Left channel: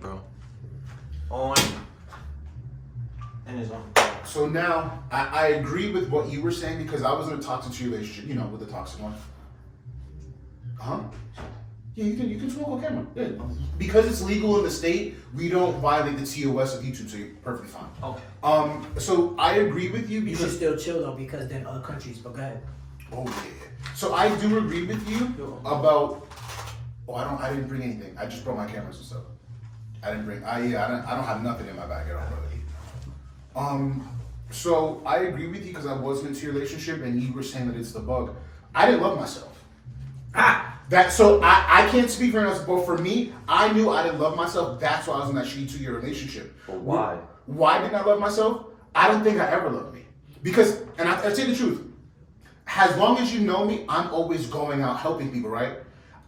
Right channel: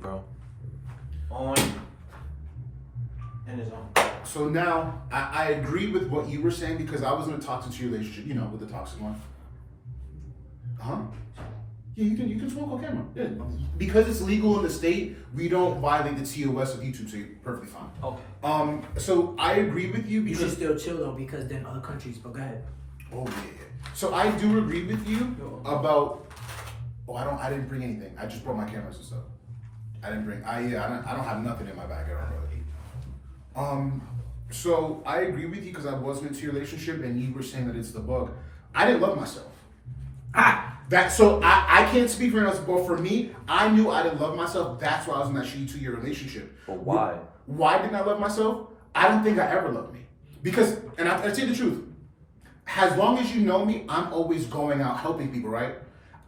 bro. On and his own. So now, I agree with what you were saying because I was in a toxic relationship, you know, with the toxic one. Huh? Yeah, you can smoke on camera. Yeah. Because it's legal in the state, we don't violate the TOS of YouTube, so you're perfectly fine. Okay. So I agree with you You because should still chill though, because then other countries. But go ahead. oh yeah. So I do agree with you about. Oh, I didn't bring anything. I just brought my cameras and stuff. I don't have nothing in my bag at all, brother. So I agree with you because I wasn't into your relationship, and you were saying that it's the bug. I didn't love myself. I can't speak for anyone else, but for me, I knew I didn't love myself. That's why I was in that shitty 2-year relationship. But why? Why didn't I love myself? I don't think I ever loved me. Because, and I say the truth, as long as you know me, I'm always going out helping people, right?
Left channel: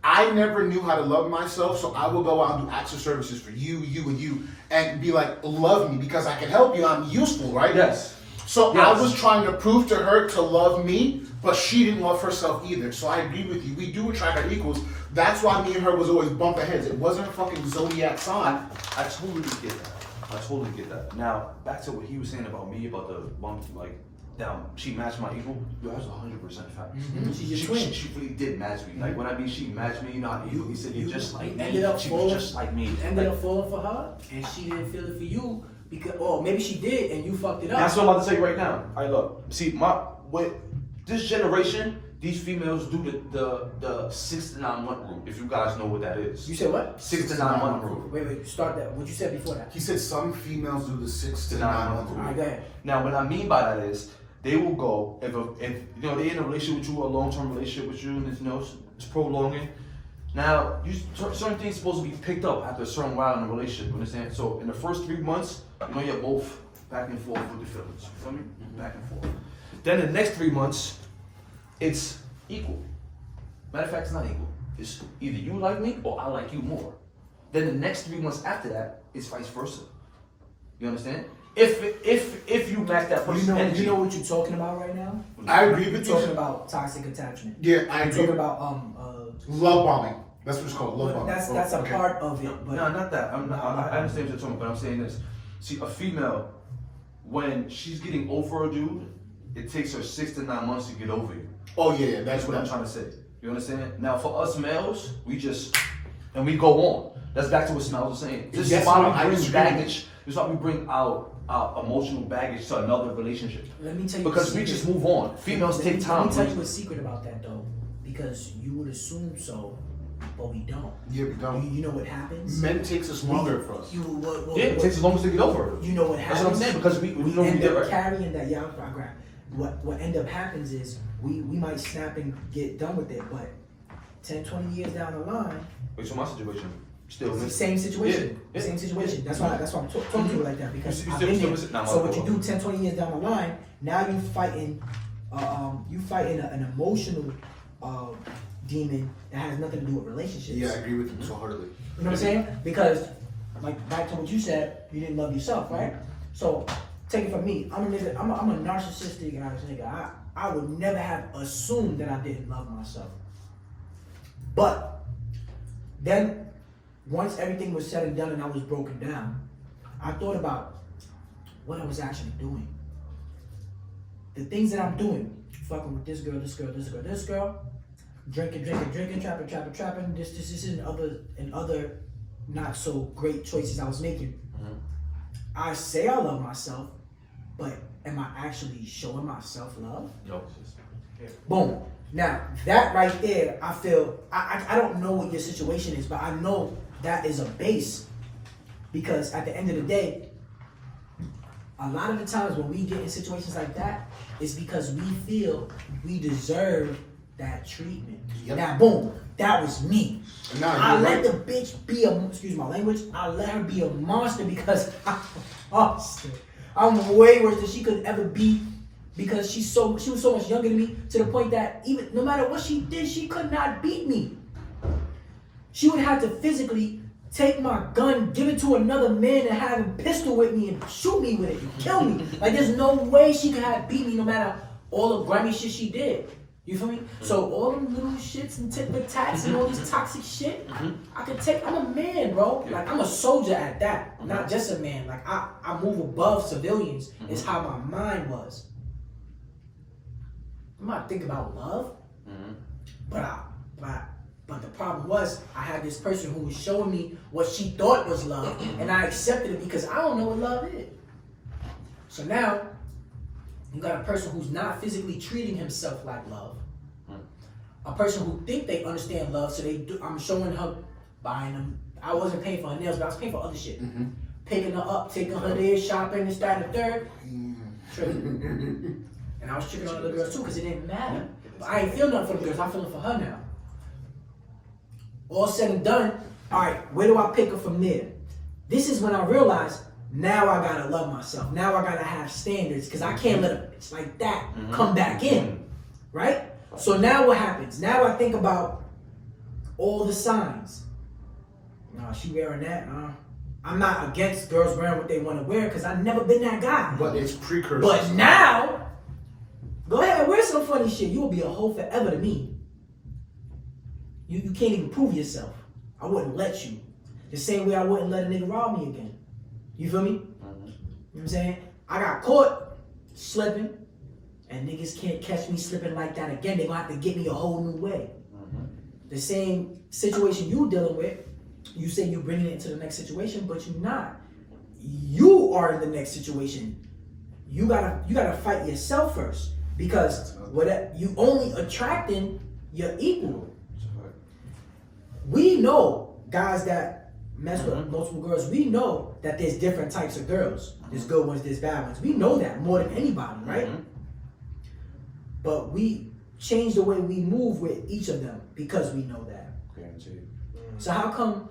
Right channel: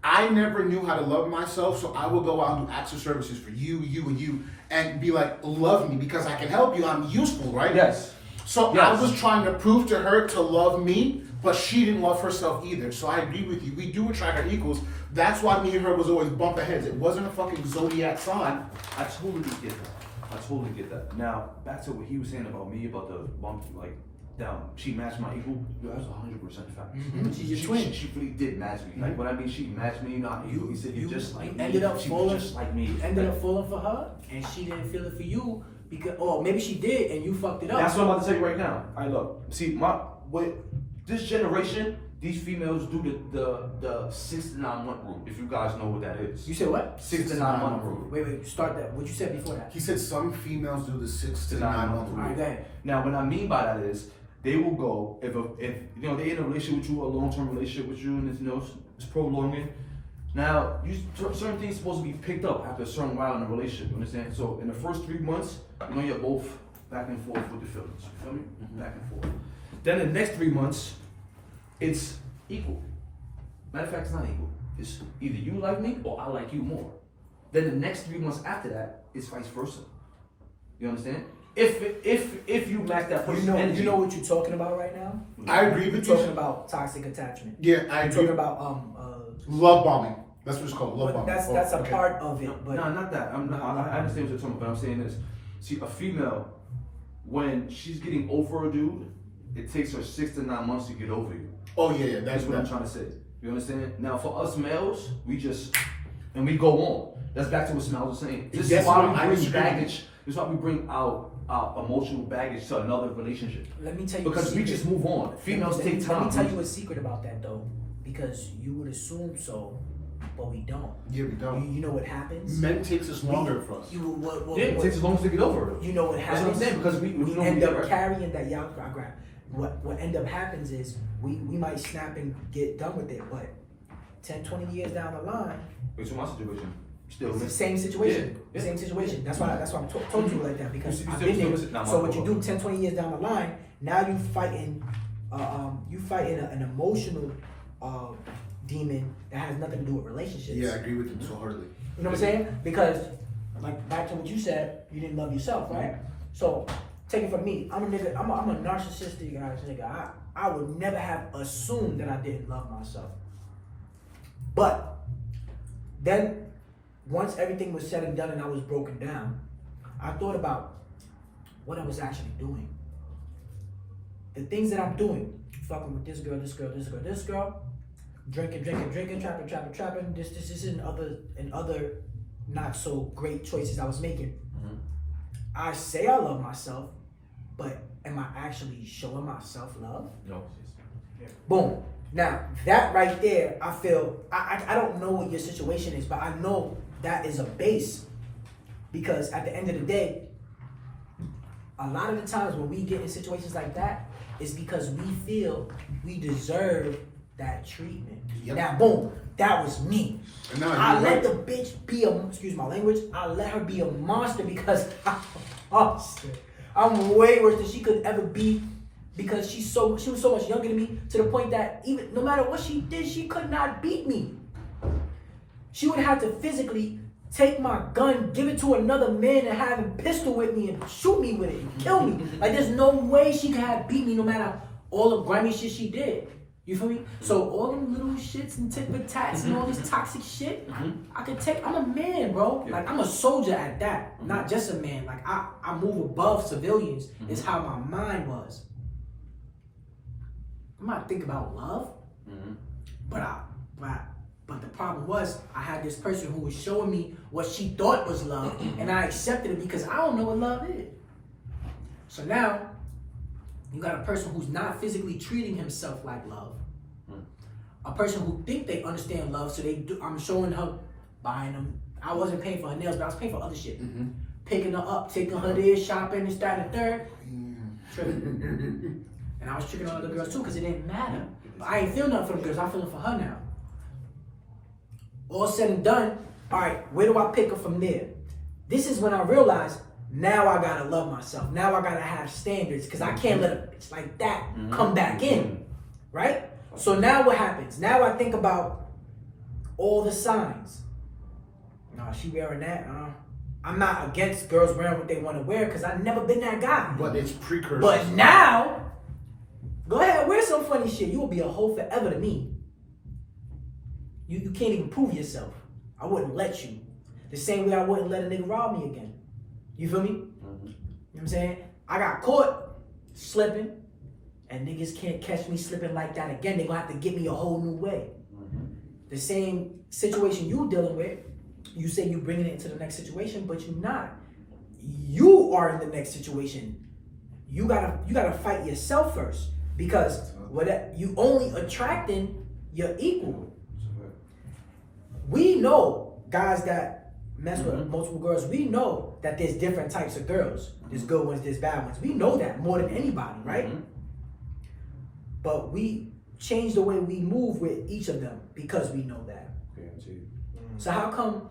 I never knew how to love myself, so I will go out and do acts of services for you, and be like, love me because I can help you. I'm useful, right? Yes. So Yes. I was trying to prove to her to love me, but she didn't love herself either. So I agree with you. We do attract our equals. That's why me and her was always bumping heads. It wasn't a fucking zodiac sign. I totally get that. Now, back to what he was saying about me, about the bump, like, down, she matched my equal. Yo, that's 100% fact. Mm-hmm. She's your twin. She really did match me. Like, when I mean she matched me, you know how he said, you're just like me. ended up She falling. was just like me. Ended up falling for her, and she didn't feel it for you because, or maybe she did, and you fucked it up. That's what I'm about to say right now. I love. See, with this generation, these females do the 6 to 9 month rule. If you guys know what that is. You said what? 6 to 9 month rule. Wait, start that. What you said before that? He said some females do the 6 to 9 month All right, rule. go ahead. Now, what I mean by that is, they will go if you know they're in a relationship with you, a long-term relationship with you, and it's prolonging. Now, certain things supposed to be picked up after a certain while in a relationship. You understand? So in the first 3 months, you're both back and forth with the feelings. You feel me? Back and forth. Then the next 3 months, it's equal. Matter of fact, it's not equal. It's either you like me or I like you more. Then the next 3 months after that, it's vice versa. You understand? If you match that person's energy. You know what you're talking about right now? I agree with you. You're talking about toxic attachment. Yeah, I You're agree. talking about Love bombing. That's what it's called. Love bombing. That's a part of it. But No, not that. I understand what you're talking about, but I'm saying this. See, a female, when she's getting over a dude, it takes her 6 to 9 months to get over you. Oh yeah, That's what I'm trying to say. You understand? Now, for us males, we we go on. That's back to what Smells was saying. This Yes, is why no, we I bring disagree. baggage. This is why we bring our emotional baggage to another relationship. let me tell you Because the we secret. just move on. Females take time. Let me tell you a secret about that though, because you would assume so, but we don't. Yeah, we don't. You know what happens? Men takes us longer for us. Yeah, it takes as long as to get over it. You know what That's happens? what I'm saying, because we know we end did up right. carrying that y'all program. What end up happens is we might snap and get done with it, but 10, 20 years down the line, Wait, so my situation, still it's the same situation. Yeah. Same situation. That's why I'm talking to you like that, because You I've still- been still there. listen- nah, So my what you fault. do 10, 20 years down the line, now you fighting an emotional demon that has nothing to do with relationships. Yeah, I agree with you so heartily. You know what I'm saying? Because, like, back to what you said, you didn't love yourself, right? So, take it from me. I'm a narcissistic ass nigga. I would never have assumed that I didn't love myself. But, then, once everything was said and done and I was broken down, I thought about what I was actually doing. The things that I'm doing, fucking with this girl, drinking, trapping, this and other not so great choices I was making. Mm-hmm. I say I love myself, but am I actually showing myself love? No. Boom. Now, that right there, I feel, I don't know what your situation is, but I know that is a base. Because at the end of the day, a lot of the times when we get in situations like that, it's because we feel we deserve that treatment. Yep. Now, boom, that was me. And now I you're let right. the bitch be excuse my language, I let her be a monster because I'm a monster. I'm way worse than she could ever be because she was so much younger than me, to the point that even no matter what she did, she could not beat me. She would have to physically take my gun, give it to another man and have him pistol with me and shoot me with it and kill me. Like, there's no way she could have beat me no matter all the grimy shit she did. You feel me? So all them little shits and tit for tats and all this toxic shit, I could take. I'm a man, bro. Like I'm a soldier at that, not just a man. Like I move above civilians. Is how my mind was. I'm not thinking about love, but the problem was I had this person who was showing me what she thought was love, and I accepted it because I don't know what love is. So now you got a person who's not physically treating himself like love. A person who think they understand love, so they do. I'm showing her, buying them. I wasn't paying for her nails, but I was paying for other shit. Picking her up, taking her there, shopping, this, that, and the third. And I was tricking on other girls too, because it didn't matter. But I ain't feel nothing for the girls. I'm feeling for her now. All said and done, all right, where do I pick her from there? This is when I realized, now I gotta love myself. Now I gotta have standards, because I can't let a bitch like that come back in, right? So now what happens? Now I think about all the signs. No, she wearing that. I'm not against girls wearing what they want to wear, because I've never been that guy. But it's precursor. But now, go ahead, wear some funny shit. You will be a hoe forever to me. You can't even prove yourself. I wouldn't let you. The same way I wouldn't let a nigga rob me again. You feel me? You know what I'm saying? I got caught slipping, and niggas can't catch me slipping like that again. They gonna have to get me a whole new way. The same situation you dealing with, you say you bringing it into the next situation, but you're not. You are in the next situation. You gotta fight yourself first, because you only attracting your equal. We know guys that mess with multiple girls. We know that there's different types of girls. There's good ones, there's bad ones. We know that more than anybody, right? But we change the way we move with each of them because we know that. So how come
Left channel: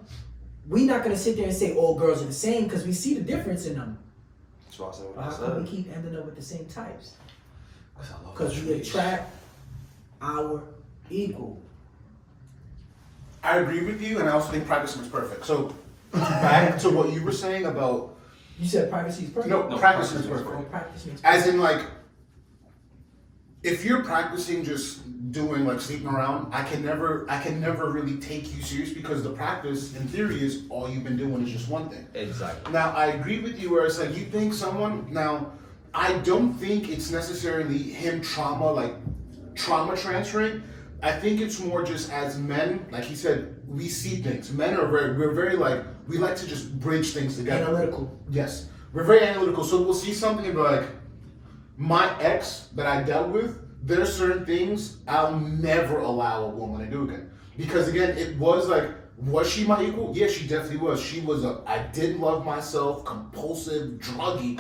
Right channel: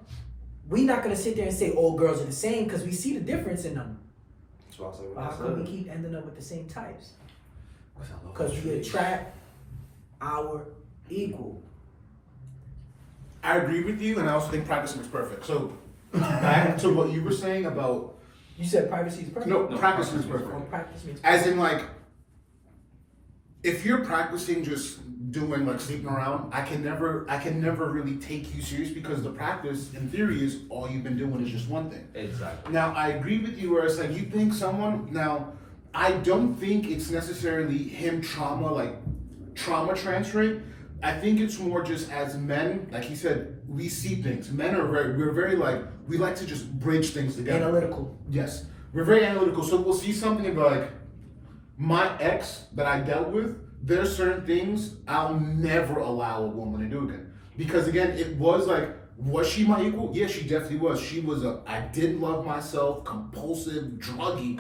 we not gonna sit there and say all girls are the same, because we see the difference in them? But how come we keep ending up with the same types? Because we attract our equal. I agree with you, and I also think practice makes perfect. So back to what you were saying about. You said privacy is perfect? No, practice makes perfect. Oh, practice makes perfect. As in, like, if you're practicing just doing like sleeping around, I can never really take you serious, because the practice in theory is all you've been doing is just one thing. Exactly. Now I agree with you where it's like you think someone, now I don't think it's necessarily him trauma transferring. I think it's more just as men, like he said, we see things. Men are we're very like, we like to just bridge things together. Analytical. Yes. We're very analytical. So we'll see something and be like, my ex that I dealt with, there's certain things I'll never allow a woman to do again. Because again, it was like, was she my equal? Yeah, she definitely was. She was I didn't love myself, compulsive, druggy,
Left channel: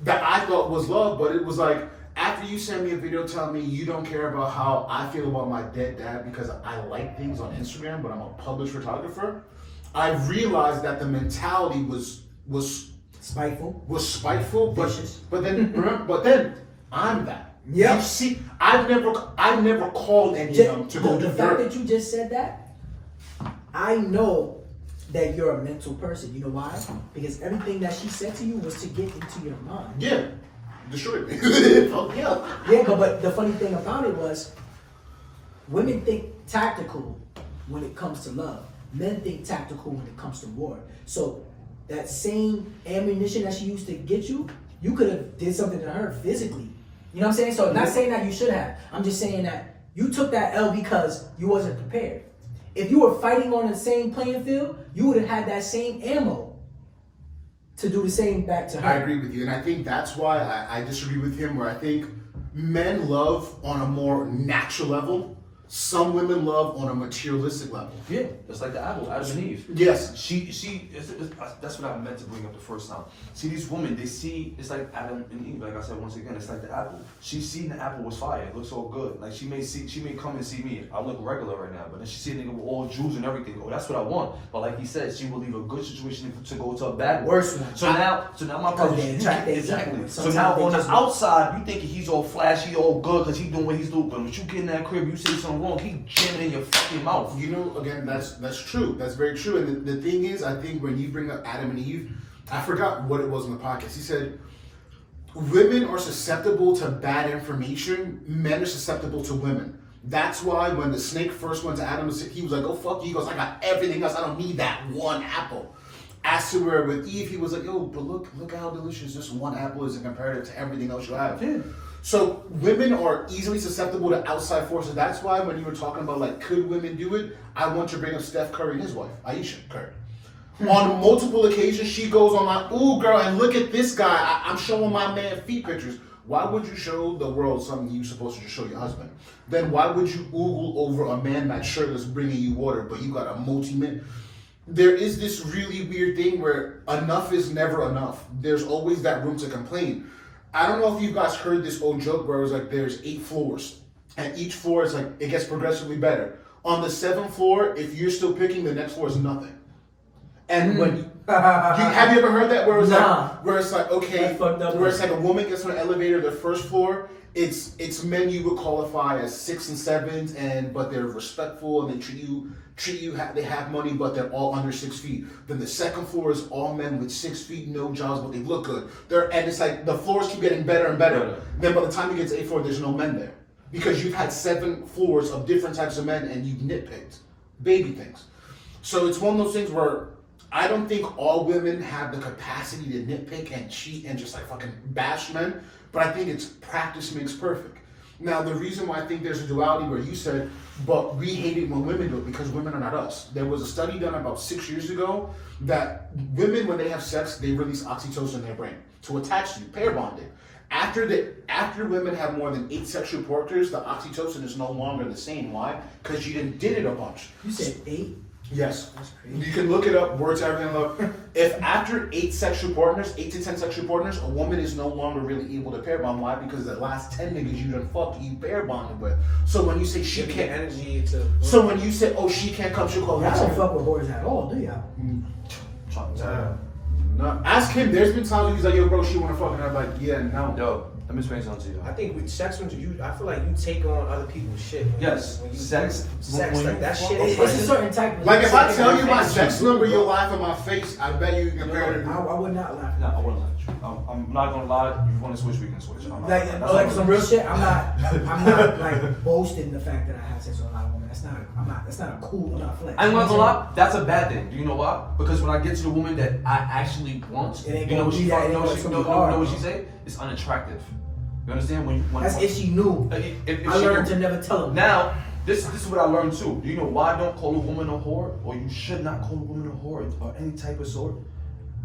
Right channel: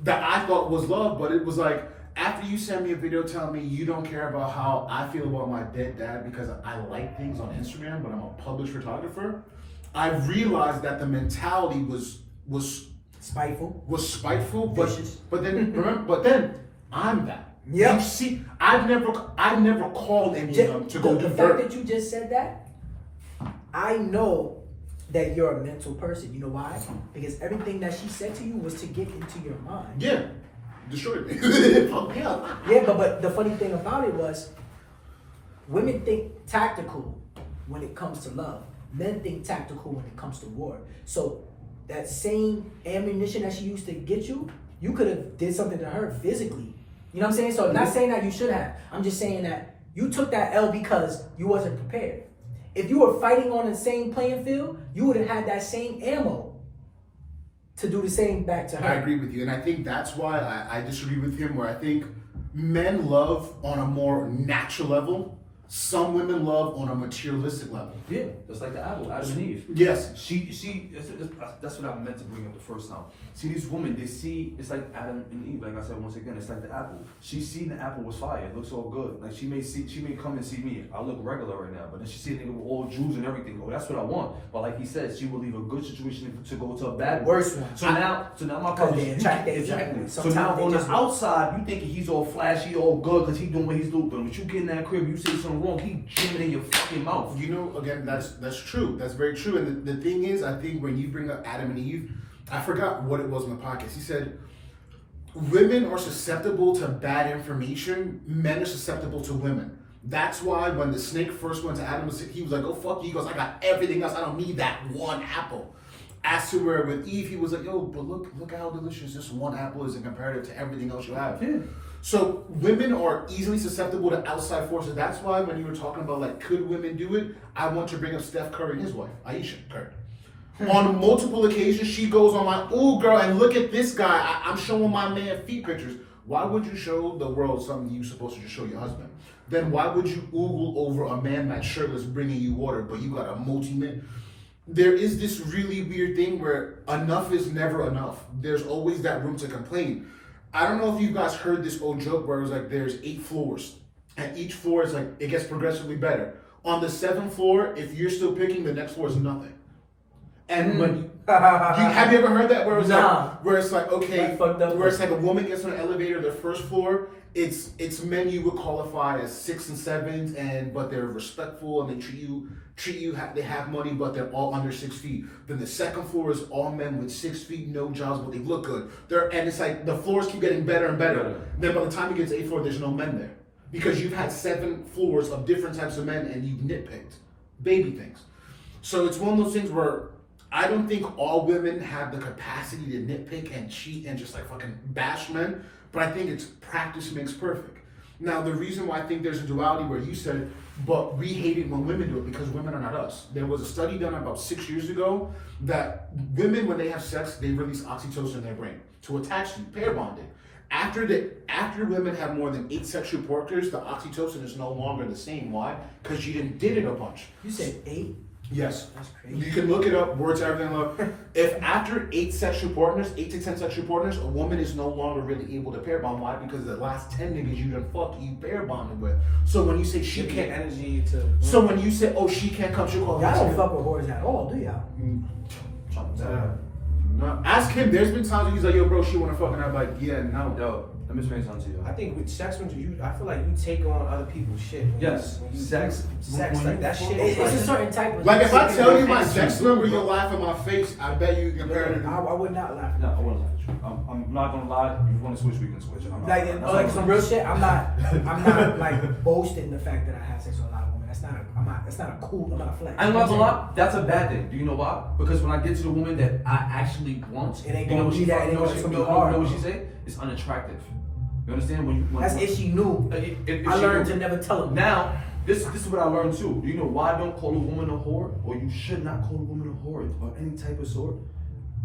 that I thought was love, but it was like, after you send me a video telling me you don't care about how I feel about my dead dad because I like things on Instagram, but I'm a published photographer, I realized that the mentality was spiteful. Vicious. But then I'm that. Yeah. You see, I've never called any of them to go do the dirt. fact that you just said that, I know that you're a mental person. You know why? Because everything that she said to you was to get into your mind. Yeah. Destroyed me. Yeah. Yeah, but the funny thing about it was, women think tactical when it comes to love. Men think tactical when it comes to war. So that same ammunition that she used to get you, you could have did something to her physically. You know what I'm saying? So I'm not saying that you should have. I'm just saying that you took that L because you wasn't prepared. If you were fighting on the same playing field, you would have had that same ammo to do the same back to her. I agree with you, and I think that's why I disagree with him, where I think men love on a more natural level. Some women love on a materialistic level. Yeah, it's like the apple, Adam and Eve. Yes. That's what I meant to bring up the first time. See, these women, they see, it's like Adam and Eve, like I said once again, it's like the apple. She's seen the apple was fire, it looks all good. Like she may come and see me, I look regular right now, but then she see a nigga with all Jews and everything. Oh, that's what I want. But like he said, she will leave a good situation to go to a bad one. Worse one. So now my problem is, exactly. So now on the outside, you thinking he's all flashy, all good, because he's doing what he's doing. But when you get in that crib, you say something wrong, he jamming in your fucking mouth. You know, again, that's true. That's very true. And the thing is, I think when you bring up Adam and Eve, I forgot what it was on the podcast. He said, women are susceptible to bad information. Men are susceptible to women. That's why when the snake first went to Adam, he was like, "Oh fuck you." He goes, "I got everything else. I don't need that one apple." As to where with Eve, he was like, "Yo, but look how delicious this one apple is in comparative to everything else you have." Yeah. So women are easily susceptible to outside forces. That's why when you were talking about like, could women do it? I want to bring up Steph Curry and his wife, Aisha Curry. On multiple occasions, she goes on like, "Ooh, girl, and look at this guy. I'm showing my man feet pictures." Why would you show the world something you're supposed to just show your husband? Then why would you oogle over a man that's shirtless bringing you water, but you got a multi-man? There is this really weird thing where enough is never enough. There's always that room to complain. I don't know if you guys heard this old joke where it was like there's 8 floors, and each floor is like it gets progressively better. On the 7th floor, if you're still picking, the next floor is nothing. And when have you ever heard that where it's where it's like okay, where it's like a woman gets on an elevator, the first floor, it's men you would qualify as 6 and 7s, but they're respectful and they treat you they have money, but they're all under 6 feet. Then the second floor is all men with 6 feet, no jobs, but they look good. And it's like the floors keep getting better and better. Then by the time you get to 8th floor, there's no men there because you've had 7 floors of different types of men and you've nitpicked baby things. So it's one of those things where I don't think all women have the capacity to nitpick and cheat and just like fucking bash men, but I think it's practice makes perfect. Now, the reason why I think there's a duality where you said, but we hate it when women do it because women are not us. There was a study done about 6 years ago that women, when they have sex, they release oxytocin in their brain to attach to you, pair bonding. After women have more than 8 sexual partners, the oxytocin is no longer the same. Why? Because you did it a bunch. You said 8? Yes. That's crazy. You can look it up, words everything love. If after 8 sexual partners, 8 to 10 sexual partners, a woman is no longer really able to pair bond. Why? Because the last 10 niggas you done fucked, you pair bonded with. So when you say she can't energy to so when you say, oh, she can't come, she'll call Y'all me. don't fuck with whores at all, do y'all? No. Ask him, there's been times he's like, yo bro, she wanna fuck, and I'm like, yeah, no. Yo, let me explain something to you. I think with sex, when I feel like you take on other people's shit. Yes, when you sex. like that shit. It's a certain type of Like if I tell you my sex. sex number, you'll laugh in my face. I bet you can compare it. I would not laugh at No, that. I wouldn't laugh at you. I'm not gonna lie. If you want to switch, we can switch. I'm not, Like, that's like not some real shit. I'm not like boasting the fact that I had sex with a lot of women. That's not a cool. I'm not flex. I ain't gonna lie, that's a bad thing. Do you know why? Because when I get to the woman that I actually want, It ain't you know gonna what she be that, you know what it's she gonna know, be hard. know what she say? It's unattractive. You understand? When That's if she knew. if I she learned knew. to never tell them. Now, this is what I learned too. Do you know why I don't call a woman a whore? Or you should not call a woman a whore or any type of sort?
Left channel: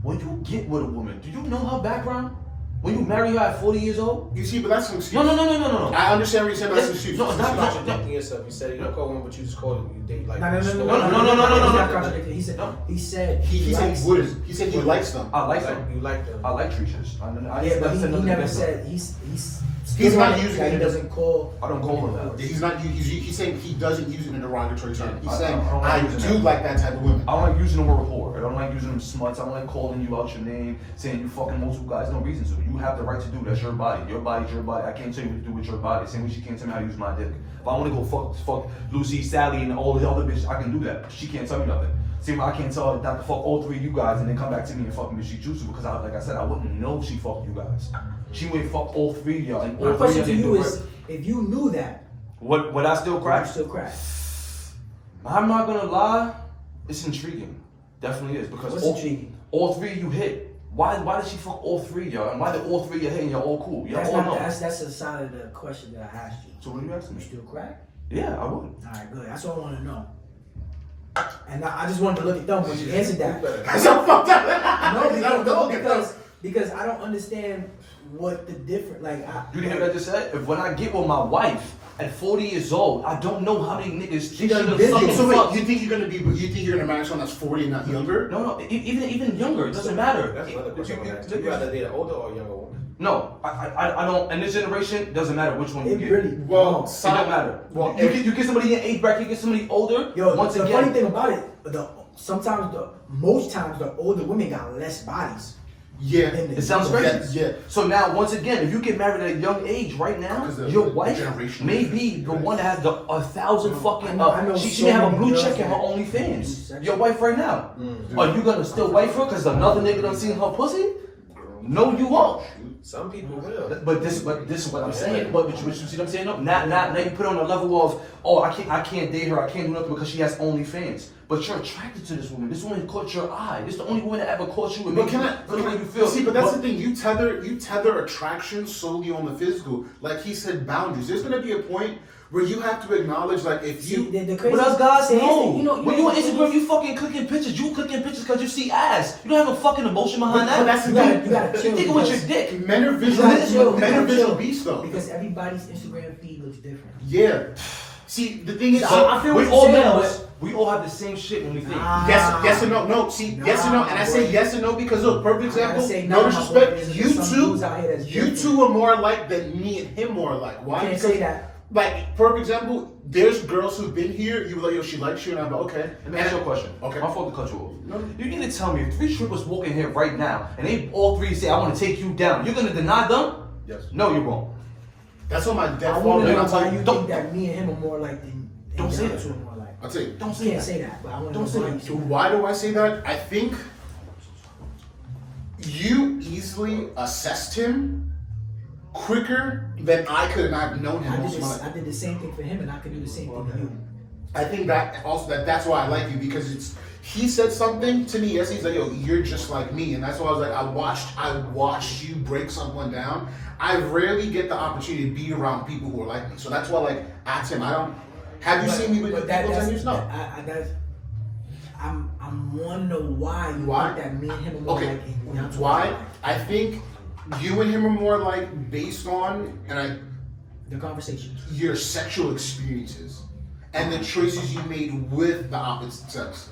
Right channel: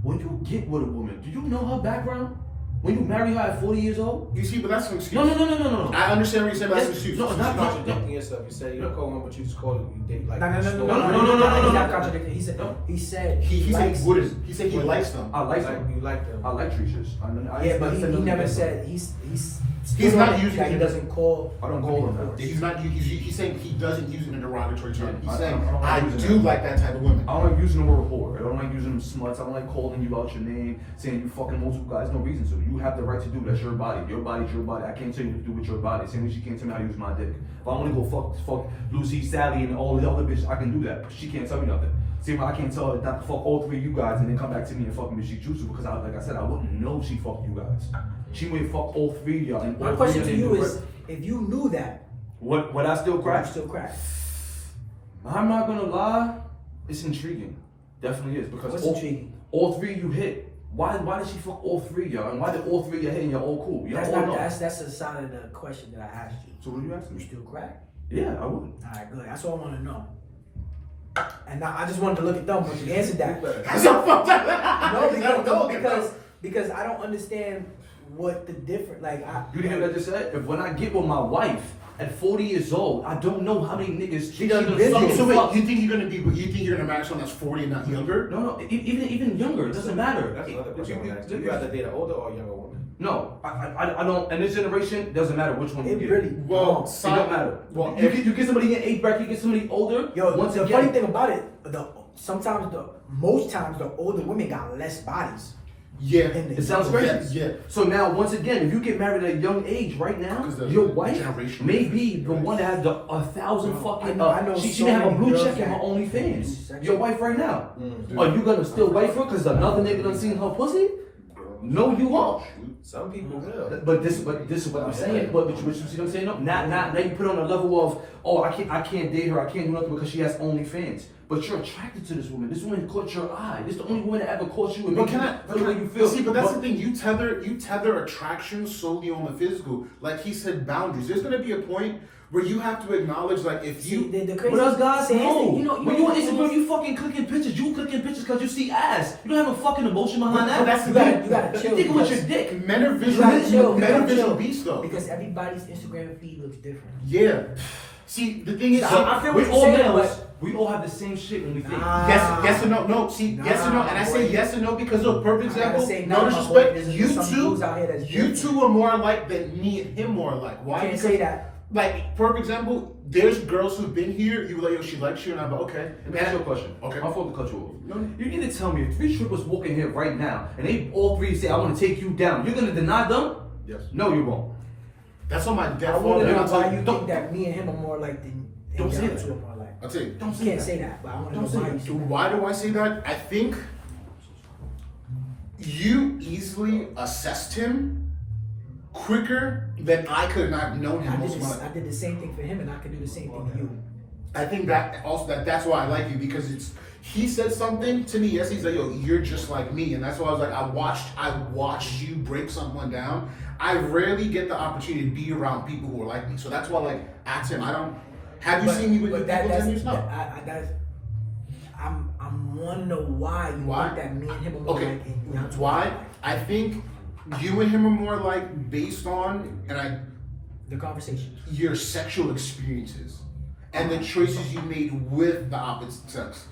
When you get with a woman, do you know her background? When you marry her at 40 years old? You see, but that's an excuse. No. I understand what you're saying, but that's an excuse. No, it's You're not. contradicting yourself. You said you don't call one, but you just call it. You date like. No. store. He's not contradicting. He said He said likes he wouldn't. He said he likes them. I like them. You like them. I like Trishas. Yeah, but he nothing never against them. said he's not using that he it. doesn't call. I don't call them. He's not. He's saying he doesn't use it in a derogatory term. He's I saying don't like I using do that. like that type of women. I don't like using the word whore. I don't like using them smuts. I don't like calling you out your name, saying you fucking multiple guys. No reason to. You have the right to do. That's your body. Your body's your body. I can't tell you what to do with your body. Same way she can't tell me how to use my dick. If I want to go fuck Lucy, Sally, and all the other bitches, I can do that. She can't tell me nothing. See, I can't tell her not to fuck all 3 of you guys and then come back to me and fuck me if she chooses because, like I said, I wouldn't know she fucked you guys. She would fuck all 3 of y'all. And My all 3 question of to them you do is, it. if you knew that, Would I still would crack? you still crack? I'm not gonna lie, it's intriguing. Definitely is because What's intriguing? all 3 of you hit. Why did she fuck all 3 of y'all? And why did all 3 of y'all hit and y'all all cool? Y'all That's all not know. that's a side of the question that I asked you. So what are you asking You me? still crack? Yeah, I would. All right, good. That's what I want to know. And now I just wanted to look at them, but you answered that. No, because I don't understand what the difference. Like, You didn't hear what I just said? If when I get with my wife at 40 years old, I don't know how many niggas She done done busy. fucking So wait, fucked. you think you're gonna marry someone that's 40 and not younger? No, even younger. It doesn't matter. That's another question I want to ask. You rather date an older or younger woman? No, I don't. In this generation, it doesn't matter which one you it get. really. Well, It don't matter. Well, you get somebody in age bracket, you get somebody older. Yo, once the again, funny thing about it, most times the older women got less bodies. Yeah, it sounds crazy. Yeah. So now, once again, if you get married at a young age, right now, Because of your the wife generational may be the difference. one that has the 1,000 fucking. I know She so may have a many blue girls check in her that- OnlyFans. Your wife right now. Are you gonna still wife her because another nigga done seen her pussy? No, you won't. Some people will. But this is what I'm saying. But you see what I'm saying? No, now you put on a level of, oh, I can't date her, I can't do nothing because she has OnlyFans. But you're attracted to this woman. This woman caught your eye. This is the only woman that ever caught you and But made can you feel. see? But that's the thing. You tether attraction solely on the physical. Like he said, boundaries. There's gonna be a point where you have to acknowledge, like, if you. The crazy What else God says? no. When you on Instagram, you fucking clicking pictures. You clicking pictures because you see ass. You don't have a fucking emotion behind that. But that's the You thing. gotta chill. You think with your dick. Men are visual. Men are visual beasts, though. Because everybody's Instagram feed looks different. Yeah. See, the thing is, I feel We what all you're saying, males. We all have the same shit when we think. yes and no. No, see, yes and no. And I say yes and no because, look, perfect example. say No no, disrespect. there's You some two, dudes out here that's you different. two are more alike than me and him more alike. Why? I can't Because, say that. like, perfect example. There's girls who've been here. You were like, yo, she likes you, and I'm like, okay. Let me ask you a question. Okay. My fault to cut you off. No. You need to tell me if 3 strippers walking here right now and they all 3 say, I want to take you down, you're gonna deny them? Yes. No, you're wrong. That's on my I death want phone. to And know I'll tell why you. you Don't. think that me and him are more like than Don't say the that. other two are more like. I'll tell you. Don't You say can't that. say that, but I want to Don't know say why that. you say Why do I say that? I think you easily assessed him quicker than I could, and I've known him most of my life. I did the same thing for him, and I can do the same thing to you. I think that also that's why I like you because he said something to me yesterday. He's like, yo, you're just like me, and that's why I was like, I watched you break someone down. I rarely get the opportunity to be around people who are like me, so that's why like ask him. I don't. Have you seen me with people that's, 10 years? No. I'm wanting to know why you Why? think that me and him are more Okay. like. and not Why? alike. I think you and him are more like based on The conversation. your sexual experiences and the choices you made with the opposite sex.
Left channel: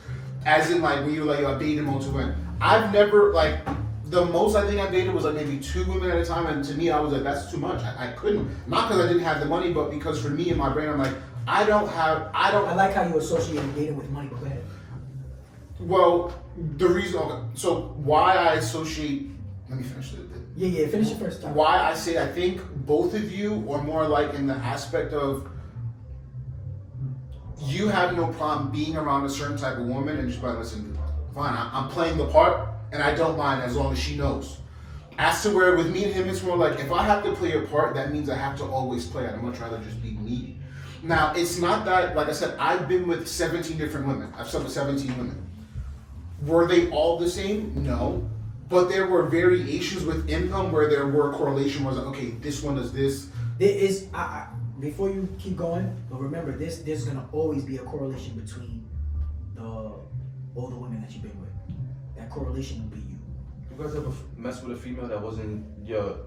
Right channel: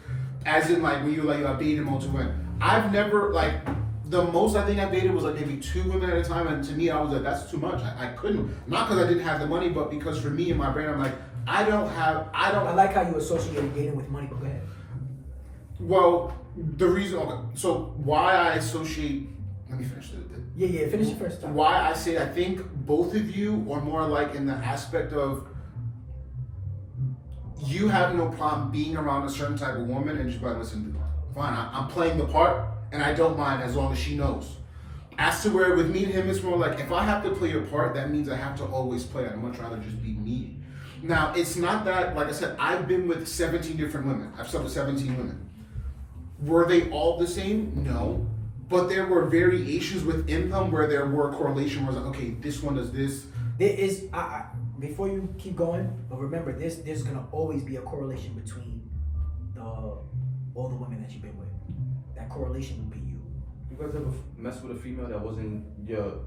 As in, like, when you're like, yo, I dated multiple women. I've never, like, the most I think I dated was like maybe 2 women at a time, and to me, I was like, that's too much. I couldn't. Not because I didn't have the money, but because for me in my brain, I'm like, I don't. I like how you associate dating with money, but go ahead. Well, the reason, okay, so why I associate, let me finish it. Yeah, finish it first. Time. Why I say I think both of you are more like in the aspect of you have no problem being around a certain type of woman and just be like, listen, fine, I'm playing the part and I don't mind as long as she knows. As to where with me and him, it's more like if I have to play a part, that means I have to always play it. I'd much rather just be me. Now, it's not that, like I said, I've been with 17 different women. I've slept with 17 women. Were they all the same? No. But there were variations with income where there were correlation was like, okay, this one does this. There is, before you keep going, but remember, there's gonna always be a correlation between all the women that you've been with. That correlation will be you. You guys ever mess with a female that wasn't your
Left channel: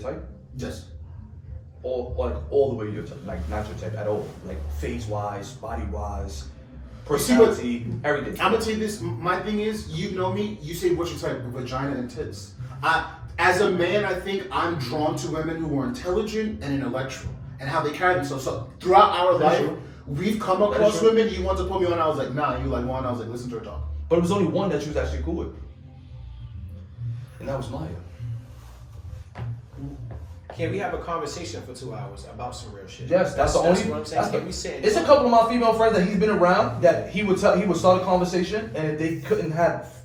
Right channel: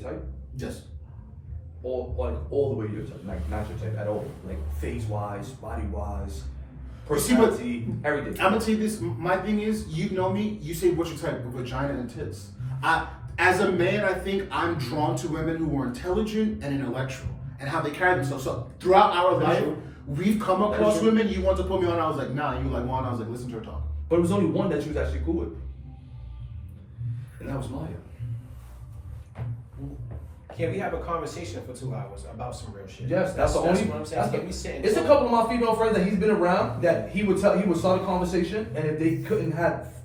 type? Yes. All the way your type, like not your type at all, like face wise, body wise, See, but personality, everything. I'm gonna tell you this. My thing is, you know me. You say what's your type? Vagina and tits. As a man, I think I'm drawn to women who are intelligent and intellectual, and how they carry themselves. So throughout our life, we've come across women. You want to put me on? I was like, nah. And you like one? I was like, listen to her talk. But it was only one that you was actually cool with, and that was Maya. Can we have a conversation for 2 hours about some real shit? Yes, that's the only. what I'm saying. That's Can we sit and it's a talk? couple of my female friends that he's been around that he would start a conversation, and if they couldn't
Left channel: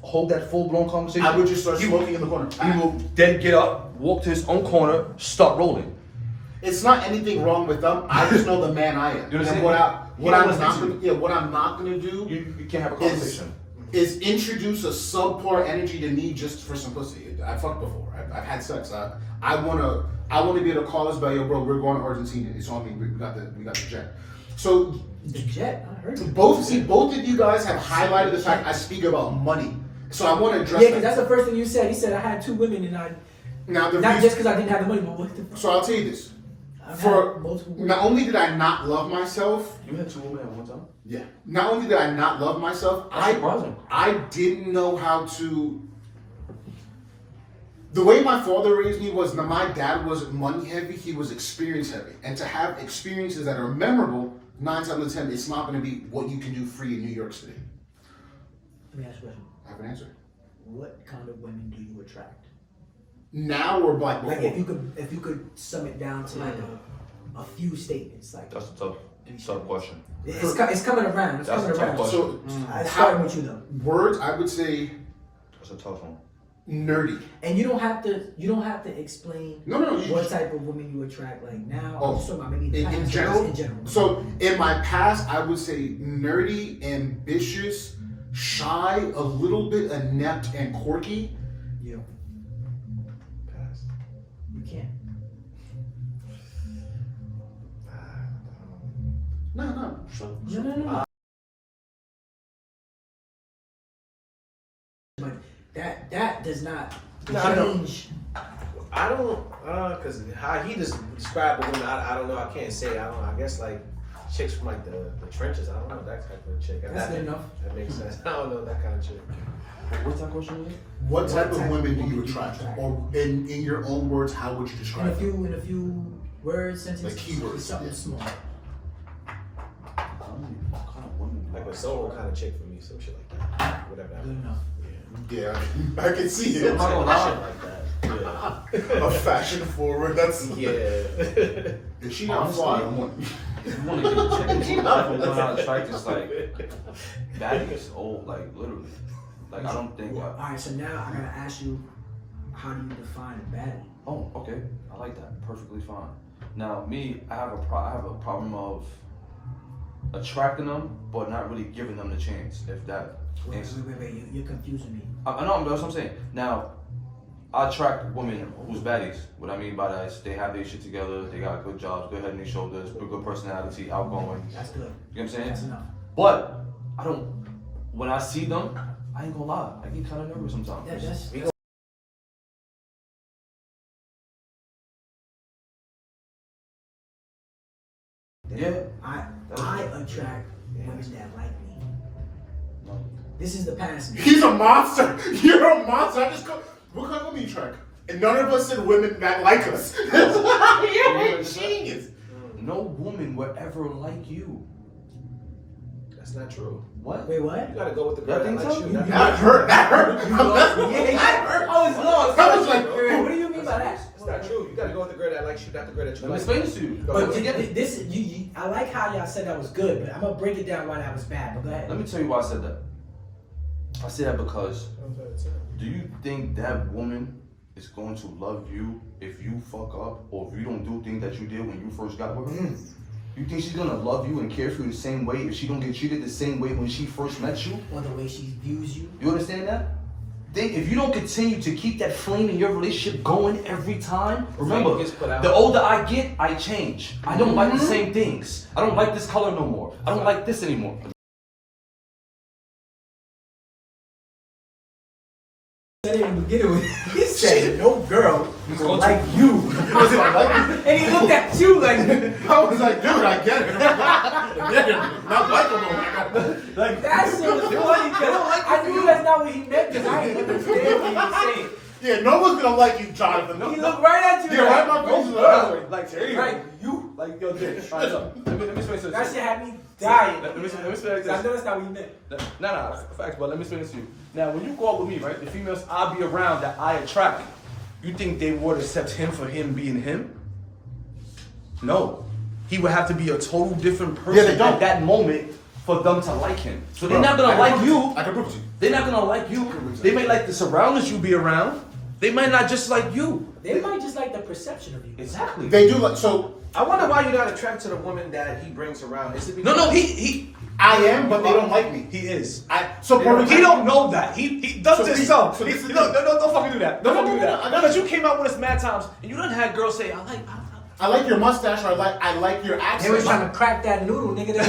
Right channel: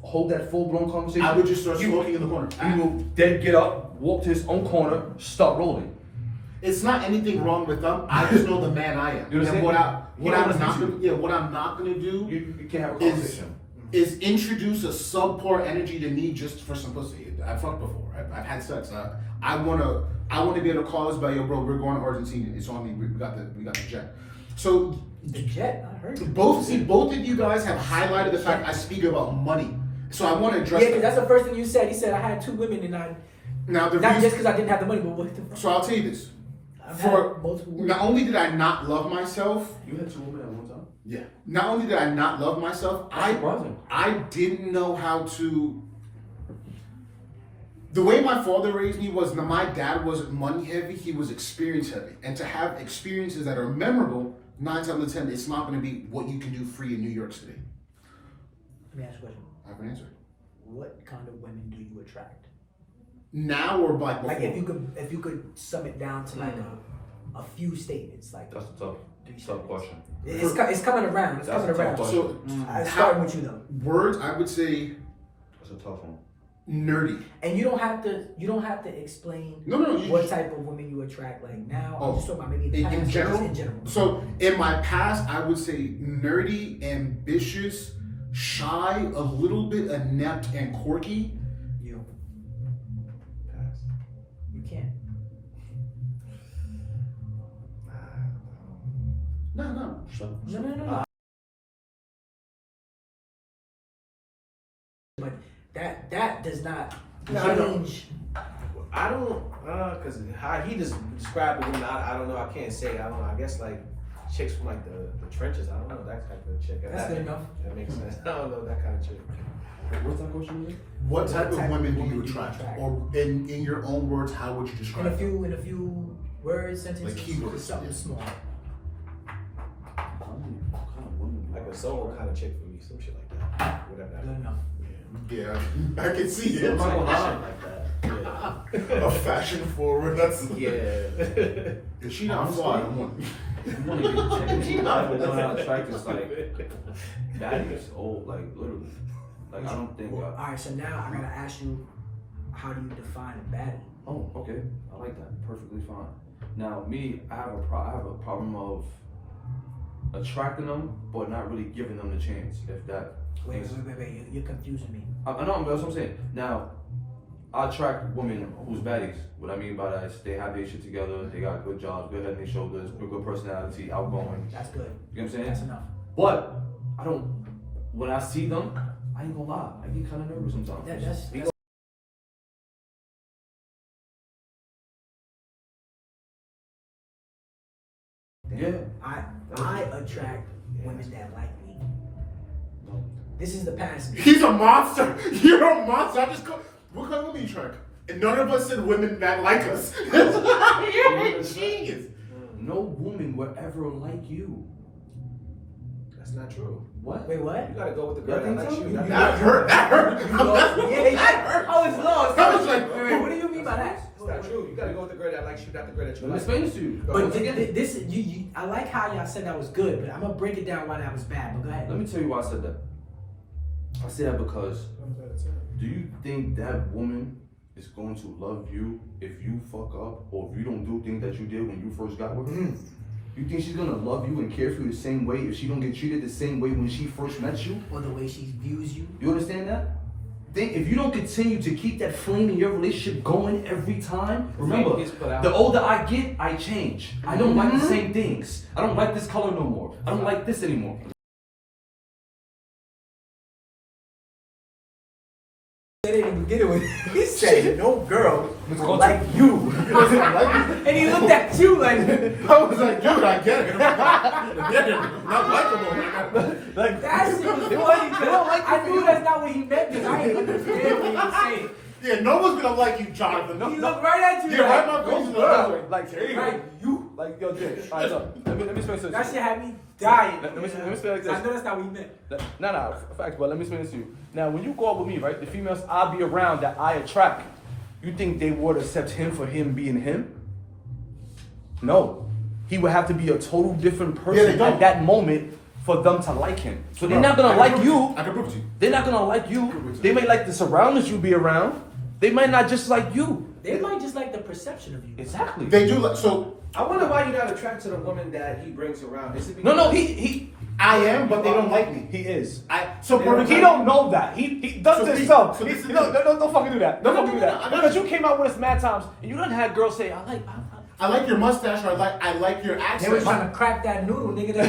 hold that full blown conversation, I would just start he smoking in the corner. He will then get up, walk to his own corner, start rolling. It's not anything wrong with them. I just know the man I am. You And understand? what I'm not gonna do You can't have a is conversation. introduce a subpar energy to me just for simplicity. I fucked before. I've had sex. I wanna be able to call us by, yo, bro, we're going to Argentina. It's on me. We got the jet. So The jet, I heard it. both of you guys have highlighted the fact I speak about money. So I want to address Yeah, because that. that's the first thing you said. You said I had 2 women and I. Now the Not reason, just because I didn't have the money, but what the fuck? so I'll tell you this. I've For had multiple women. not only did I not love myself, You had 2 women at one time. yeah. Not only did I not love myself, That's surprising. I didn't know how to. The way my father raised me was that my dad wasn't money heavy; he was experience heavy. And to have experiences that are memorable, 9 times out of 10, it's not going to be what you can do free in New York City. Let me ask you a question. I have an answer. What kind of women do you attract? Now or like before? Like if you could sum it down to like a few statements, like That's a tough question. it's coming around. It's That's coming a tough around. question. So Starting with you though. words, I would say That's a tough one. nerdy. And you don't have to explain No, what type of women you attract. Like now, Oh, I'm just talking about maybe in general. In general. So in my past, I would say nerdy, ambitious, shy, a little bit inept and quirky. You Pass. you can't. No. No. But that does not change. I don't, cause how he just described the women, I don't know. I can't say. I don't know. I guess like chicks from like the trenches. I don't know that type of chick. That's good enough. That makes sense. I don't know that kind of chick. What's that question again? What type of women do you attract? Or in your own words, how would you In describe a them? few words, sentences, Like keywords, something yeah. small. Like a solo kind of chick for me, some shit like that. Whatever. Good enough. Yeah, I can see it. Shit like that. Yeah. A fashion forward. That's Yeah. Is she not fly? I'm one. You want to get checked. Not attracted. It's like baddies, old, like literally. Like I don't think. All right, so now I gotta ask you, how do you define a baddie? Oh, okay. I like that. Perfectly fine. Now, me, I have a problem of attracting them, but not really giving them the chance. If that makes Wait, you're confusing me. I know, that's what I'm saying. Now, I attract women who's baddies. What I mean by that is they have their shit together, they got good jobs, good head on their shoulders, good personality, outgoing. That's good. You know what I'm saying? That's enough. But I don't. When I see them, I ain't gonna lie. I get kind of nervous sometimes. That's Yeah. I attract women that like me. No. This is the past me. He's a monster. You're a monster. What kind of women you attract? And none of us said women that like us. You're a genius. No woman will ever like you. That's not true. What? Wait, what? You gotta go with the girl Nothing that likes so? you. That hurt. That hurt. That hurt. I was lost. I was like, Wait, what do you mean by that? It's not true. You gotta go with the girl that likes you, not the girl that you Let me like. explain this to you. But Together. this you I like how y'all said that was good, but I'm gonna break it down why that was bad. But go ahead. Let me tell you why I said that. I said that because do you think that woman is going to love you if you fuck up or if you don't do things that you did when you first got with her? You think she's gonna love you and care for you the same way if she don't get treated the same way when she first met you? Or the way she views you. You understand that? Think if you don't continue to keep that flame in your relationship going every time, remember, gets put out. the older I get, I change. I don't like the same things. I don't like this color no more. I don't like this anymore. He said, "No girl will like you," and he looked at you like, I was like, dude, I get it. I get it. Not like him. like that shit was funny because I knew that's not what he meant because I didn't understand what he was saying. Yeah, no one's gonna like you, Jonathan. He looked right at you. Yeah, like, right in my face. "No girl." Like, there you Right, you. Like, yo, Jay, alright, so, let me explain this. That shit had me dying. Let me explain like I this. know that's not what he meant. Nah, facts, but let me explain this to you. Now, when you go out with me, right, the females I be around that I attract, you think they would accept him for him being him? No. He would have to be a total different Yeah, they person don't. at that moment for them to like him. So Bro, they're not gonna I can like prove you. it. I can prove it to you. They're not gonna like you. They may like the surroundings you be around. They might not just like you. They might just like the perception of you. Exactly. They do like so. I wonder why you're not attracted to the woman that he brings around. Is it because No, he I am, but they don't like me. he is. So for He don't know that. He does So it we- himself. so this is No, it. don't fucking do that. Don't fucking do that. I No, know. because you came out with us mad times and you done had girls say, I like your mustache. Or I like your They accent. was trying to crack that noodle, nigga.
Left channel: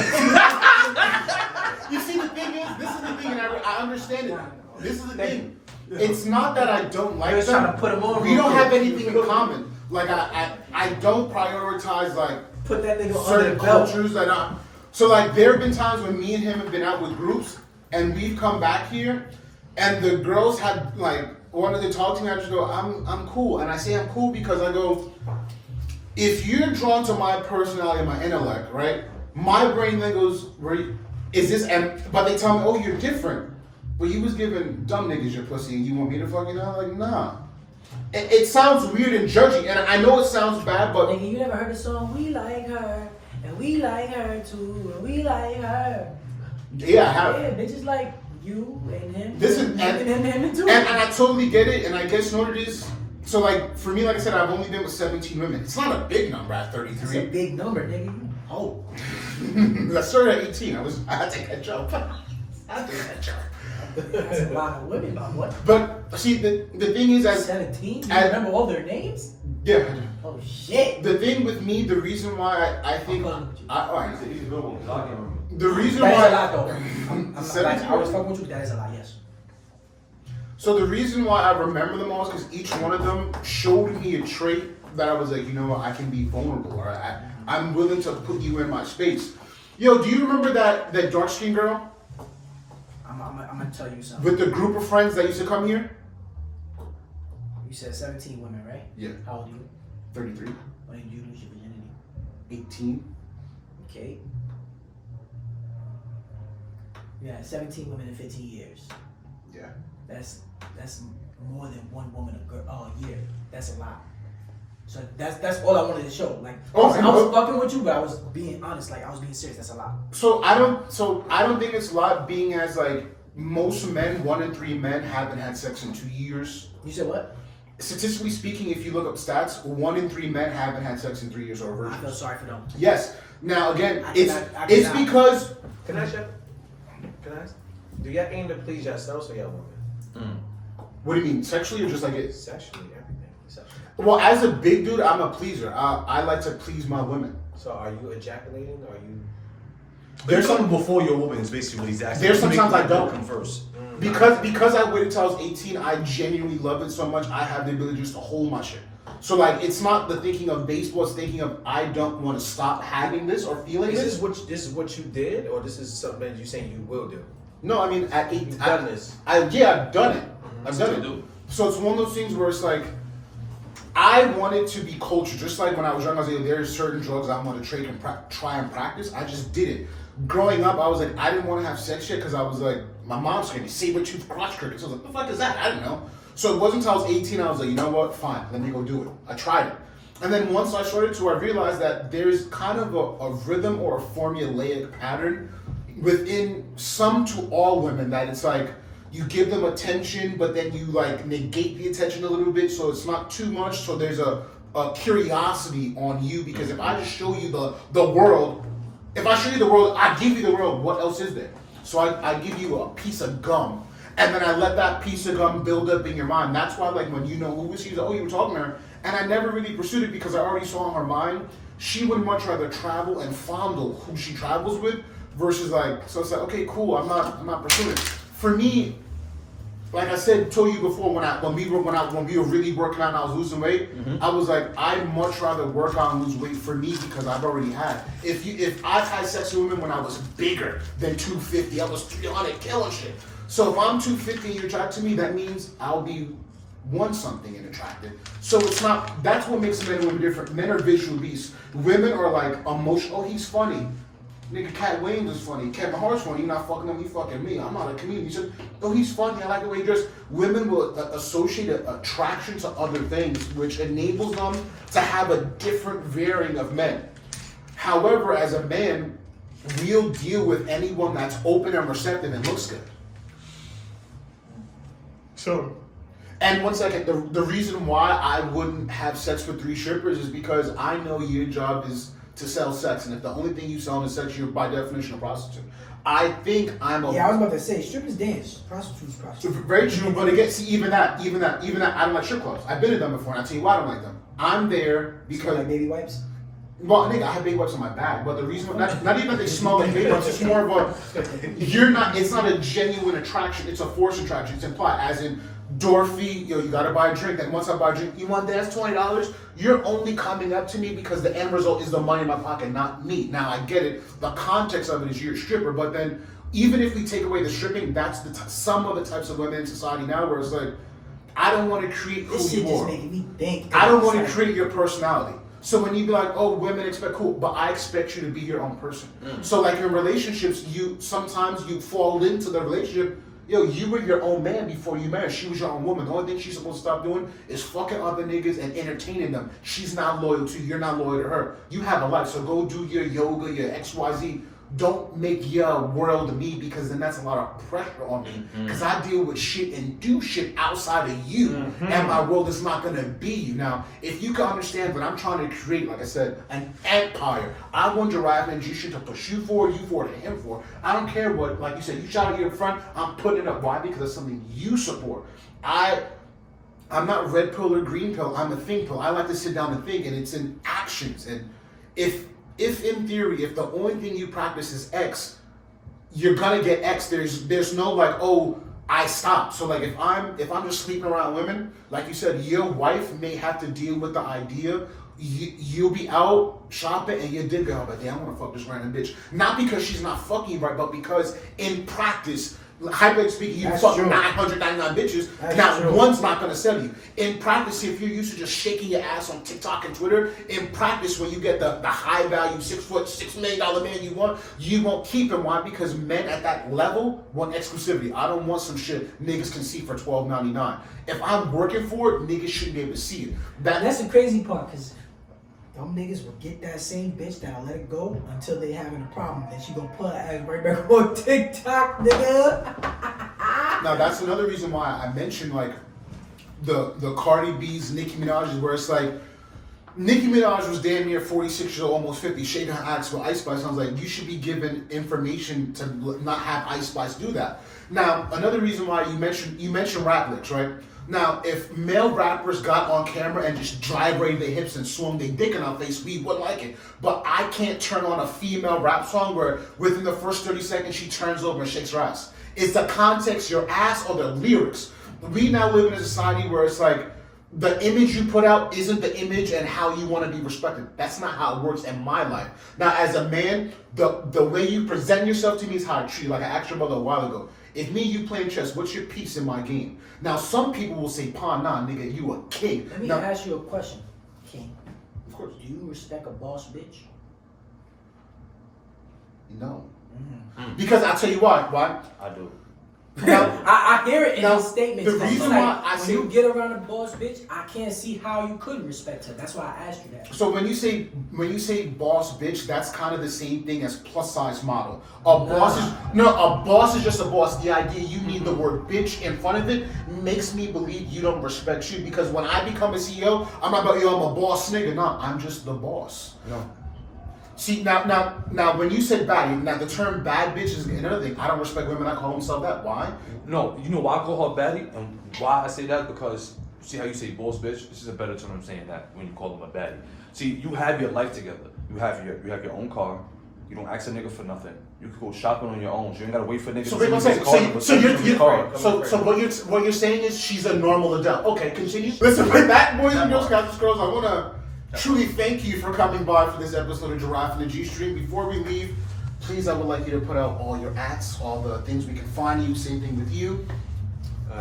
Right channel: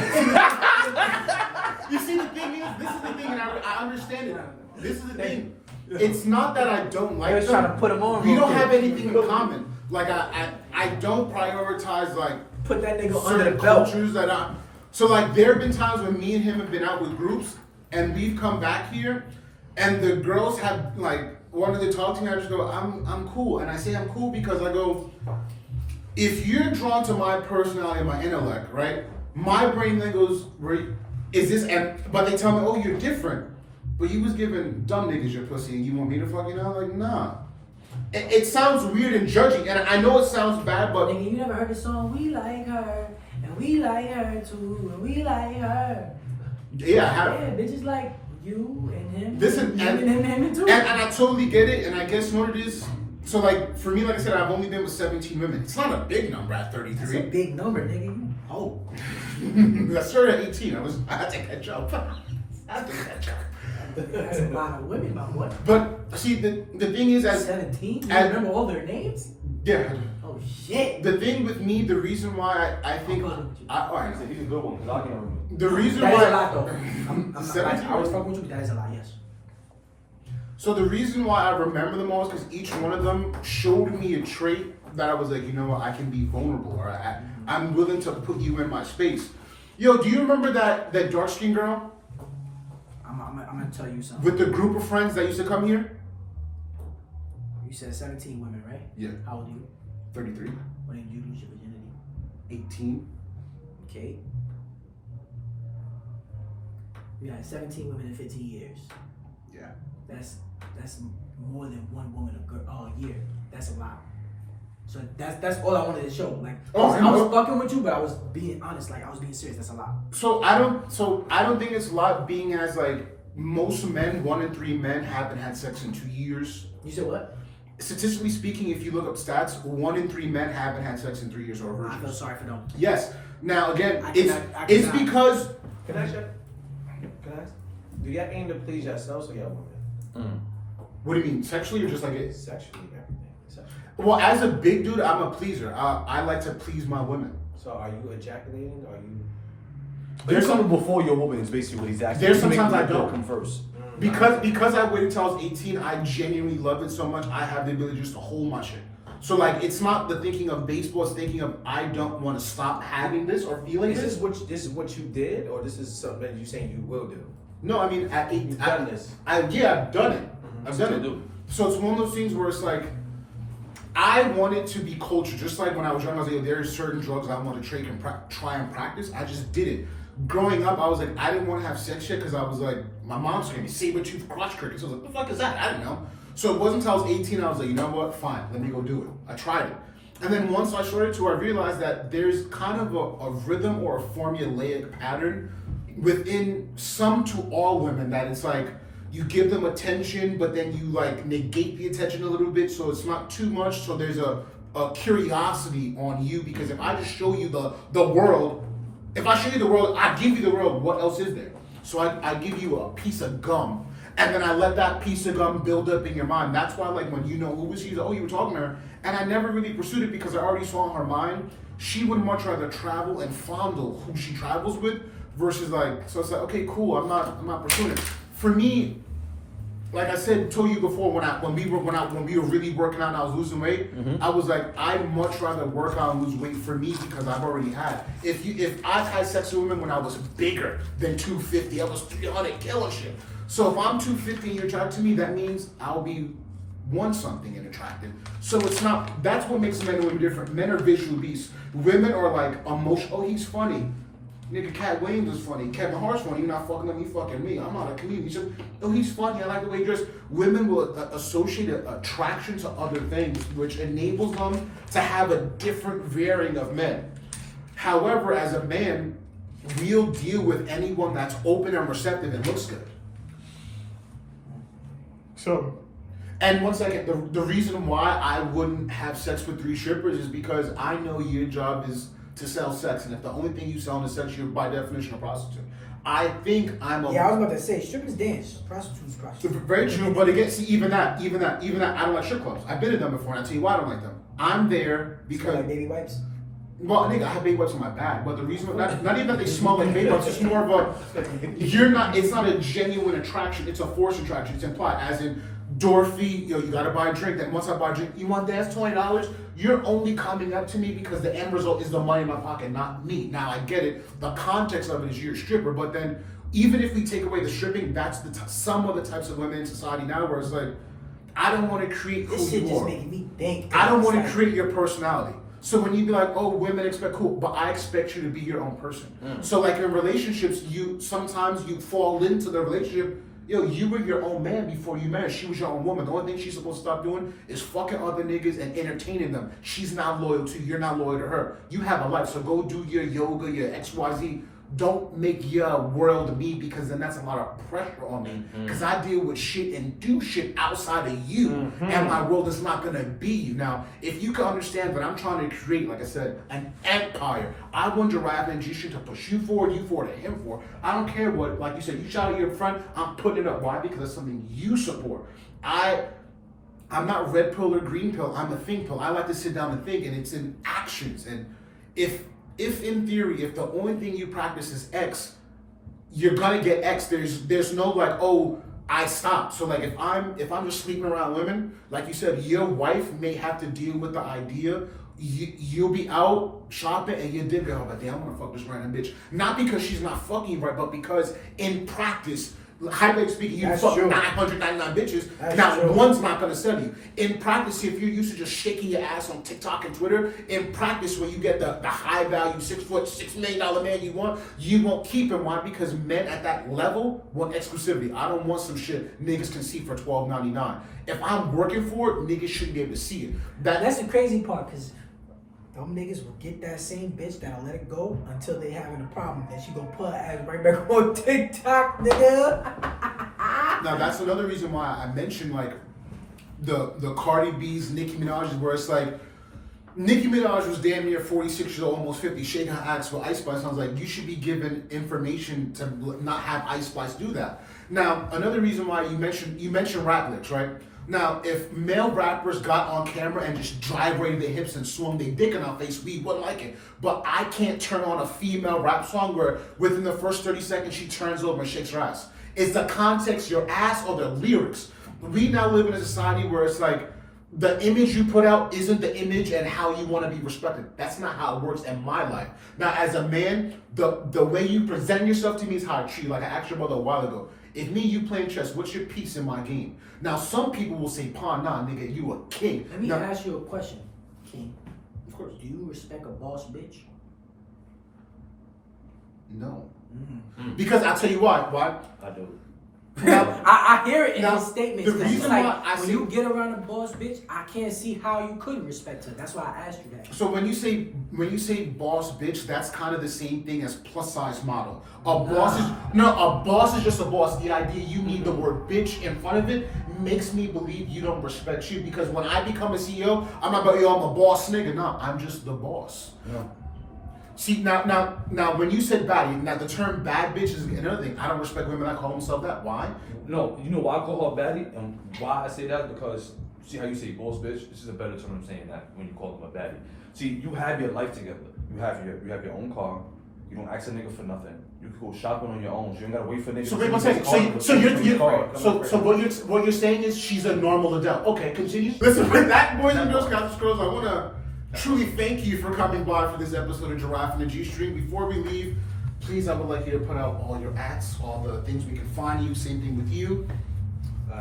You see, the thing is, this is the thing, and I understand it. This is the thing. It's not that I don't like was them. trying to put 'em on We real don't quick. have anything in common. Like I don't prioritize like Put that nigga under certain the belt. cultures that I. So like there have been times when me and him have been out with groups, and we've come back here, and the girls have like wanted to talk to me. I just go, I'm cool, and I say I'm cool because I go, if you're drawn to my personality and my intellect, right? My brain then goes, is this? But they tell me, oh, you're different. But you was giving dumb niggas your pussy, and you want me to fucking know? Like, nah. It sounds weird and judgy, and I know it sounds bad, but Nigga, you never heard the song "We Like Her" and "We Like Her Too" and "We Like Her"? yeah, I have. Yeah, bitches like you and him. Listen, him and him too. And I totally get it, and I guess you know what it is. So like for me, like I said, I've only been with 17 women. It's not a big number at That's a 33. big number, nigga. You old. I started at 18. I had to catch up. That's a lot of women, but what? But see, the thing is, as 17? You as- remember all their names? yeah, Oh shit. the thing with me, the reason why I think, I'm fucking with you. all right, He's a good one. I'll give him. the reason That is a why. lot though. I'm not, 17? I was fucking with you. That is a lot. Yes. So the reason why I remember them all is because each one of them showed me a trait that I was like, you know what, I can be vulnerable, or I'm willing to put you in my space. Yo, do you remember that dark skin girl I'm gonna tell you something. with the group of friends that used to come here? You said 17 women, right? Yeah, How old are you? 33, When did you lose your virginity? 18. Okay. You had 17 women in 15 years. Yeah. That's more than one woman a year. That's a lot. So that's all I wanted to show. Like I was fucking with you, but I was being honest. Like I was being serious. That's a lot. So I don't think it's a lot, being as like most men, 1 in 3 men haven't had sex in 2 years. You said what? Statistically speaking, if you look up stats, 1 in 3 men haven't had sex in 3 years or a I virgin. feel sorry for them. Yes. Now again, I it's cannot. because Can I ask you? Can I ask? Do y'all aim to please yourselves or y'all women? what do you mean, sexually or just like it? Sexually, everything. Sexually. Well, as a big dude, I'm a pleaser. I like to please my women. So are you ejaculating? Are you? There's something before your woman is basically what he's asking. There's sometimes I don't. come first. Because I waited till I was 18, I genuinely love it so much. I have the ability just to hold my shit. So like, it's not the thinking of baseball. It's thinking of I don't want to stop having this or feeling Is this. this what you did, or this is something that you're saying you will do? No, I mean at 18, You've done this. I've done it. I've done Still it. do. So it's one of those things where it's like, I wanted to be cultured. Just like when I was young, I was like, there's certain drugs I want to try and practice. I just did it. Growing up, I was like, I didn't want to have sex yet because I was like, my mom's gonna saber-tooth crotch crickets. I was like, what the fuck is that? I don't know. So it wasn't until I was 18, I was like, you know what? Fine, let me go do it. I tried it. And then once I started to, I realized that there's kind of a rhythm or a formulaic pattern within some to all women that it's like, you give them attention, but then you like negate the attention a little bit, so it's not too much. So there's a curiosity on you, because if I just show you the world, if I show you the world, I give you the world. What else is there? So I give you a piece of gum, and then I let that piece of gum build up in your mind. That's why, like, when you know who was she, like, oh, you were talking to her, and I never really pursued it because I already saw in her mind she would much rather travel and fondle who she travels with versus like. So it's like, okay, cool. I'm not pursuing it. For me, like I said, told you before, when we were really working out and I was losing weight, I was like, I'd much rather work out and lose weight for me because I've already had. If I've had sex with women when I was bigger than 250, I was 300 killing shit. So if I'm 250 and you're attracted to me, that means I'll be one something and attractive. So it's not. That's what makes men and women different. Men are visual beasts. Women are like emotional. Oh, he's funny. Nigga, Cat Williams is funny. Kevin Hart's funny. You're not fucking him, you fucking me. I'm not a comedian. He said, oh, he's funny. I like the way he dressed. Women will associate attraction to other things, which enables them to have a different varying of men. However, as a man, we'll deal with anyone that's open and receptive and looks good. So, and once again, the reason why I wouldn't have sex with 3 strippers is because I know your job is to sell sex, and if the only thing you sell is sex, you're by definition a prostitute. I think I'm a. Yeah, I was about to say, strippers dance, prostitutes prostitute. Very true, but again, see, even that, I don't like strip clubs. I've been to them before, and I'll tell you why I don't like them. I'm there because. Smell like baby wipes? Well, nigga, I have baby wipes on my bag, but the reason, not even that they smell like baby wipes, it's more of a, it's not a genuine attraction, it's a forced attraction, it's implied, as in, Dorothy, yo, you gotta buy a drink, and once I buy a drink, you want that? That's $20? You're only coming up to me because the end result is the money in my pocket, not me. Now, I get it, the context of it is you're a stripper, but then, even if we take away the stripping, that's some of the types of women in society now where it's like, I don't want to create who This shit you just are. making me think. I don't want to create your personality. So when you be like, oh, women expect cool, but I expect you to be your own person. So like in relationships, sometimes you fall into the relationship. Yo, you were your own man before you married. She was your own woman. The only thing she's supposed to stop doing is fucking other niggas and entertaining them. She's not loyal to you. You're not loyal to her. You have a life, so go do your yoga, your XYZ. don't make your world me, because then that's a lot of pressure on me. Because I deal with shit and do shit outside of you, and my world is not gonna be you. Now, if you can understand that I'm trying to create, like I said, an empire. I want Giraffe and G shit to push you for, to him for. I don't care what, like you said, you shout at your front, I'm putting it up. Why? Because that's something you support. I'm not red pill or green pill. I'm a think pill. I like to sit down and think, and it's in actions. And if in theory, if the only thing you practice is X, you're gonna get X. There's no like, oh, I stopped. So like if I'm just sleeping around women, like you said, your wife may have to deal with the idea. You'll be out shopping and your dick go, but damn, I want to fuck this random bitch. Not because she's not fucking right, but because in practice, hypothetically speaking, you fuck 999 bitches. That's now, true. one's not gonna sell you. In practice, if you're used to just shaking your ass on TikTok and Twitter, in practice, when you get the high value 6 foot, $6 million man you won't keep him. Why? Because men at that level want exclusivity. I don't want some shit niggas can see for $12.99. If I'm working for it, niggas shouldn't be able to see it. That's the crazy part, because them niggas will get that same bitch that'll let it go until they having a problem. Then she gonna put her ass right back on TikTok, nigga. Now that's another reason why I mentioned like the Cardi B's, Nicki Minaj's, where it's like Nicki Minaj was damn near 46 years old, almost 50, shaking her ass with Ice Spice. I was like, you should be given information to not have Ice Spice do that. Now another reason why you mentioned rap licks, right? Now, if male rappers got on camera and just gyrated their hips and swung their dick in our face, we wouldn't like it. But I can't turn on a female rap song where within the first 30 seconds she turns over and shakes her ass. It's the context, your ass, or the lyrics. We now live in a society where it's like the image you put out isn't the image and how you want to be respected. That's not how it works in my life. Now, as a man, the way you present yourself to me is how I treat you. Like I asked your brother a while ago. If me and you playing chess, what's your piece in my game? Now, some people will say, "Pawn, nah, nigga, you a king." Let me now, ask you a question, King. Of course. Do you respect a boss bitch? No. Because I'll tell you why. Why? I do. Now, I hear it in Now, his statements. the It's reason like, why I when say- you get around a boss bitch, I can't see how you couldn't respect her. That's why I asked you that. so when you say boss bitch, that's kind of the same thing as plus size model. A boss is just a boss. The idea you need the word bitch in front of it makes me believe you don't respect you, because when I become a CEO, I'm not about I'm a boss nigga. No, I'm just the boss. No. See now when you said bad, now the term bad bitch is another thing. I don't respect women that call themselves that. Why? No, you know why I call her baddie? And why I say that? Because see how you say boss bitch? This is a better term of saying that when you call them a baddie. See, you have your life together. You have your own car. You don't ask a nigga for nothing. You can go shopping on your own. So you ain't gotta wait for niggas. So wait one second. So what you're saying is she's a normal adult. Okay, continue. Listen, with that, boys and girls, guys and girls, I wanna truly thank you for coming by for this episode of Giraffe and the G String. Before we leave, please, I would like you to put out all your ats, all the things we can find you. Same thing with you.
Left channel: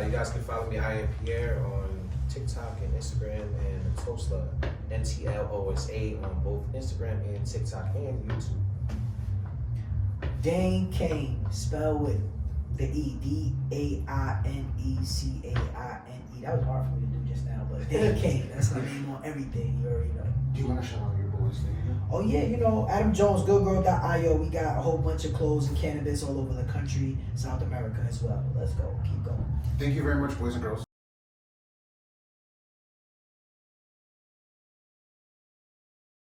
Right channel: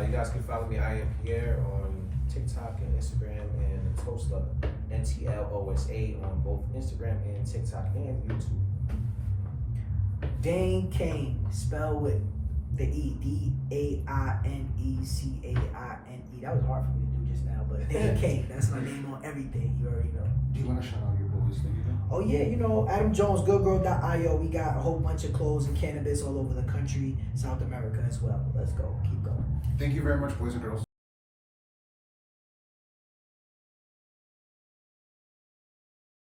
You guys can follow me, I am Pierre, on TikTok and Instagram, and Tosla, NTLOSA, on both Instagram and TikTok and YouTube. Dane Kane, spelled with the E, DAINECAINE. That was hard for me to do just now, but Dane Kane, that's my name on everything. You already know. Do you want to shout out your boys? Oh yeah, you know, Adam Jones, goodgirl.io. We got a whole bunch of clothes and cannabis all over the country, South America as well. Let's go, keep going. Thank you very much, boys and girls.